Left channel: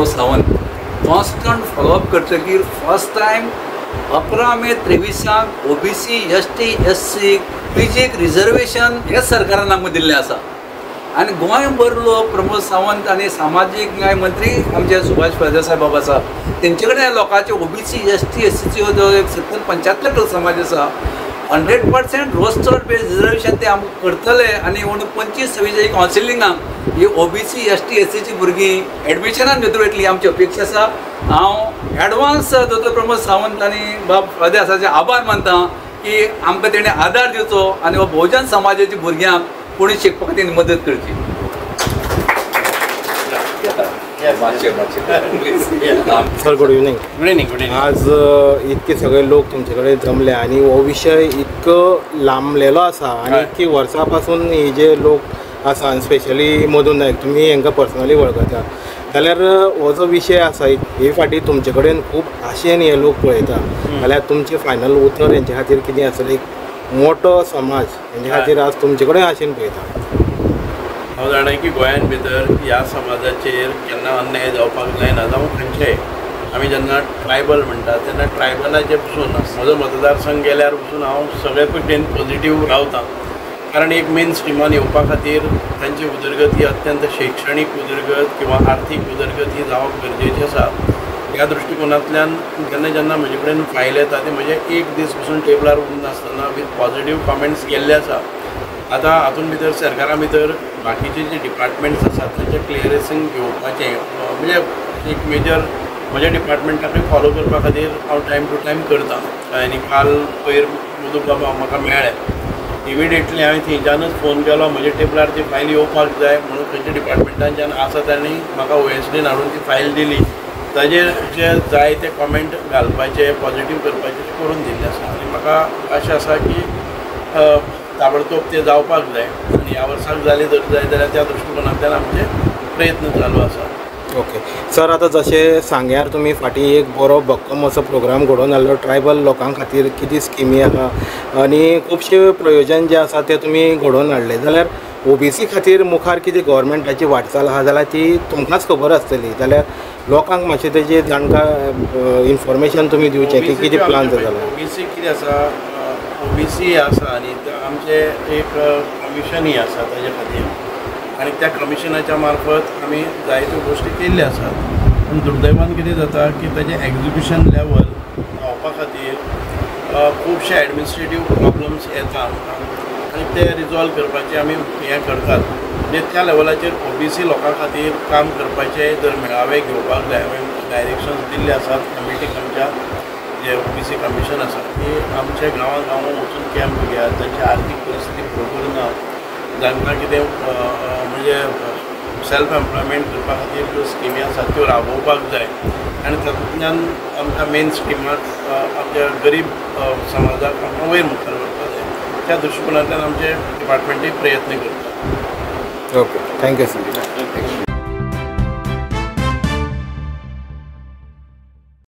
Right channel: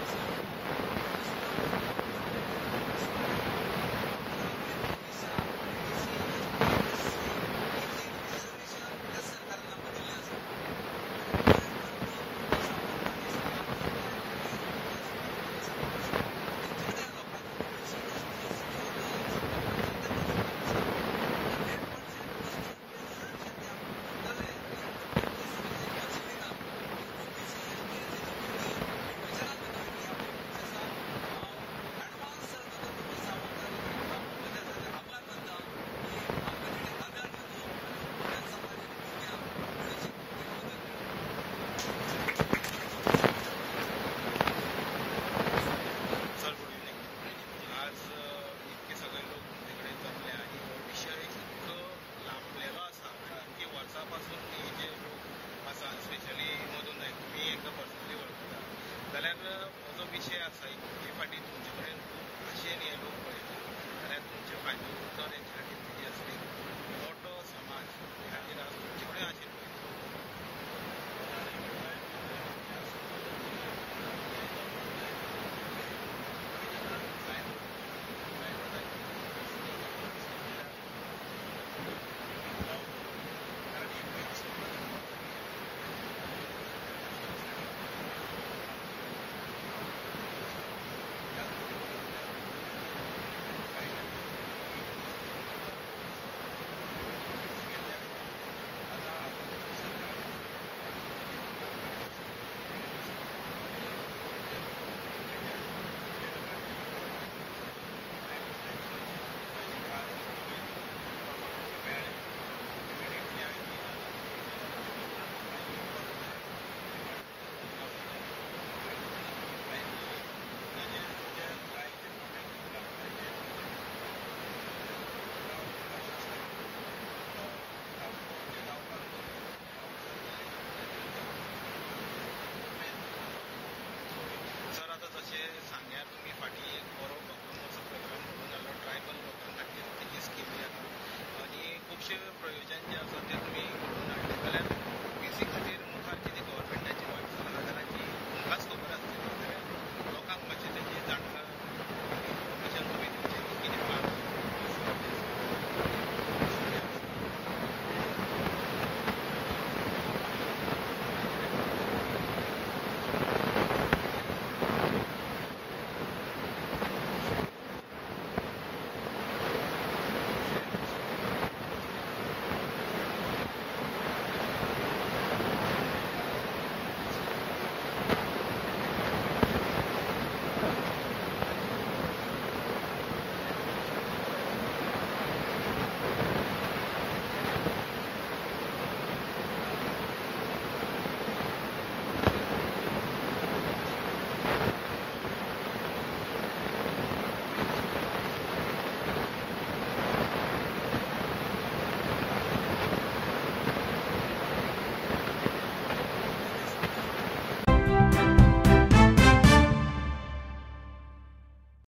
Pramod Sawant constant follow up करतकीर first time 11 May 23 OBC ST SC PGक reservation हे सरकारान आमकां दिल्लें आसा आनी गोंय भरलो प्रमोद सावंत आनी सामाजीक न्याय मंत्री आमचे सुभाष फळदेसाय बाब आसा तेंचे कडेन लोकांचे OBC ST SCचो जो 70-75% समाज आसा 100% रोस्टर बेस्ड रिजर्वेशन ते आमकां करतले आनी 25-26 कावन्सिलिंगाक ही OBC ST SCची भुरगीं एडमिशनान भितर वयतली आमची अपेक्षा आसा। हांव एडवान्स दोतोर प्रमोद सावंत आनी बाब फळदेसाचे आभार मानता की आमकां तेणें आदार दिवचो आनी हो बहुजन समाजाच्या भुरग्यांक कोणी शिकपाक तेणी मदत करची। Sir good evening. Good evening. आज इतके सगळे लोक तुमचे कडेन जमले आणि हो विषय इतको लांबलेलो आसा आणि इतकी वर्सां पासून हे जे लोक आसा स्पेशली मधून नायक तुमी हांकां पर्सनली वळखता जाल्यार हो जो विशय आसा हे फाटी तुमचे कडेन खूब आशेन हे लोक पळयता जाल्यार तुमचे फायनल उतर हेंचे खातीर कितें आसलें एक मोठो समाज हेंचे खातीर आज तुमचे कडेन आशेन पळयता। हांव जाणा की गोंयान भितर ह्या समाजाचेर केन्ना अन्याय जावपाक जायना जावं खंयचेय आमी जेन्ना ट्रायबल म्हणटा तेन्ना ट्रायबलाचे पसून म्हजो मतदारसंघ गेल्यार पसून हांव सगळे पटेन पॉझिटिव्ह रावता कारण एक मेन स्ट्रिमान येवपा खातीर तांची उदरगती अत्यंत शैक्षणीक उदरगत किंवा आर्थीक उदरगती जावप गरजेची आसा। ह्या दृश्टिकोनांतल्यान जेन्ना जेन्ना म्हजे कडेन फायल येता ते म्हजे एक दीस पसून टेबलार उरून नासतना विथ पॉझिटिव्ह कमेंट्स गेल्ले आसा। आतां हातून भितर सरकारा भितर बाकीचे जे डिपार्टमेंट्स आसात तांचे क्लियरन्सींग घेवपाचें म्हणजे एक मेजर म्हज्या डिपार्टमेंटाकूय फॉलो करपा खातीर हांव टायम टू टायम करता आनी काल पयर मधू बाबा म्हाका मेळ्ळे इमिडिएटली हांवें थंयच्यानच फोन केलो म्हजे टेबलार ती फायल येवपाक जाय म्हणून खंयच्या डिपार्टमेंटाच्यान आसा तांणी म्हाका OSDन हाडून ती फायल दिली ताजेर जे जाय ते कॉमेंट घालपाचे पॉझिटिव्ह करपाचे ते करून दिल्ले आसा आनी म्हाका आशा आसा की ताबडतोब ते जावपाक जाय आनी ह्या वर्साक जाले जर जाय जाल्यार त्या दृश्टिकोनांतल्यान आमचे प्रयत्न चालू आसा। ओके सर, आता जशें सांग्यार तुमी फाटीं एक बरो भक्कम असो प्रोग्राम घडोवन हाडलो ट्रायबल लोकां खातीर कितें स्किमी आसा आनी खुबशे प्रयोजन जे आसा ते तुमी घडोवन हाडले जाल्यार OBC खातीर मुखार कितें गव्हर्मेंटाची वाटचाल आहा जाल्यार ती तुमकांच खबर आसतली जाल्यार लोकांक मातशें तेजें जाणकार इन्फॉर्मेशन तुमी दिवचें की कितें प्लान जाता। OBC कितें आसा OBC आसा आनी आमचे एक कमिशनूय आसा ताजे खातीर आनी त्या कमिशनाच्या मार्फत आमी जायत्यो गोश्टी केल्ल्यो आसात पूण दुर्दैवान कितें जाता की ताजें एग्जिक्युशन लेवल पावपा खातीर खुबशे एडमिनिस्ट्रेटीव प्रॉब्लम्स येता आनी ते रिजॉल्व करपाचें आमी हें करतात म्हणजे त्या लेवलाचेर OBC लोकां खातीर काम करपाचें जर मेळावे घेवपाक जाय हांवें डायरेक्शन्स दिल्ले आसात कमिटीक आमच्या जे OBC कमिशन आसा की आमच्या गांवां गांवांत वचून कॅम्प घेयात तांची आर्थीक परिस्थिती बरोबर ना जांकां कितें म्हणजे सेल्फ एम्प्लॉयमेंट करपा खातीर ज्यो स्किमी आसात त्यो राबोवपाक जाय आनी तातूंतल्यान आमकां मेन स्किमाक आमच्या गरीब समाजाक आमकां वयर मुखार व्हरपा जाय त्या दृश्टिकोनांतल्यान आमचे डिपार्टमेंटूय प्रयत्न करता। Okay, thank you sir.